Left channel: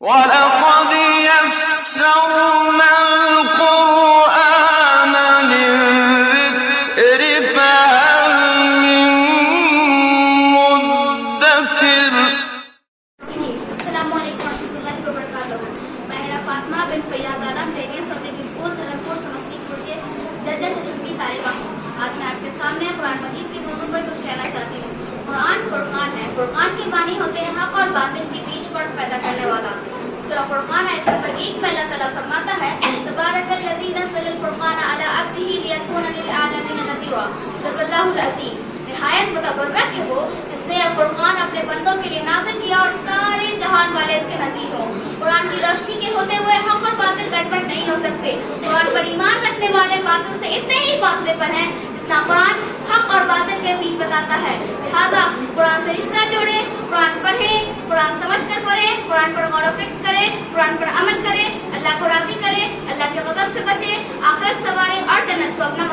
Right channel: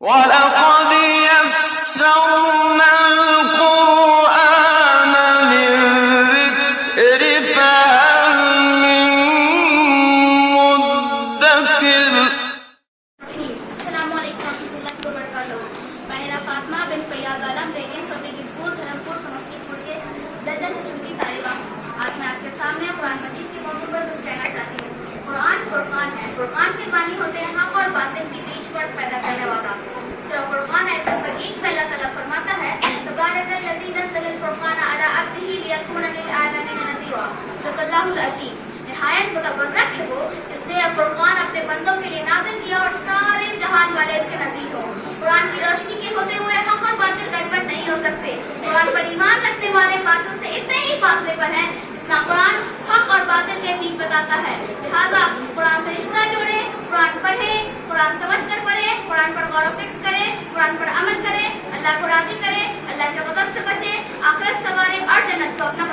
وَلَقَدْ يَسَّرْنَا الْقُرْآنَ لِلذِّكْرِ فَهَلْ مِن مُّدَّكِرٍ. السلام علیکم ورحمۃ اللہ وبرکاتہ. میں فاطمہ بن فیاض عالم ریڈیس پبلک اسکول دھرمپور سمستی پور کے درجہ کی طالبہ ہوں. آج میں آپ کے سامنے قرآن مجید کے موضوع پر کچھ کہنا چاہتی ہوں. قرآن فرقان ہے. فرقان کے معنی ہوتے ہیں حق اور باطل کے بیچ فرق پیدا کرنے والا. سورہ فرقان آیت نمبر 1 میں اللہ تعالیٰ فرماتا ہے تبارک الذی نزل الفرقان علی عبدہ لیکون للعالمین نذیرا. صدق اللہ العظیم. نہایت متبرک ہے وہ جس نے فرقان اپنے بندوں کے لیے نازل کیا اور سارے جہان والے اس کے نذیر ہوں. قرآن کی روشنی کے ہوتے ہوئے حق اور باطل گڑبڑ نہیں ہو سکتے. قرآن پر ایمان رکھنے والے باطل سے اتنے ہی فاصلے پر ہیں جتنا قرآن حق اور باطل کے بیچ بتاتا ہے. لہٰذا قرآن سے رشتہ جوڑے, قرآن پڑھے, قرآن سمجھ کر پڑھے, قرآن پر غور و فکر کرے, قرآن پر عمل کرے, اللہ کو راضی کرے, اللہ کے غضب سے بچے, آخرت سنوارے اور جنت کو اپنا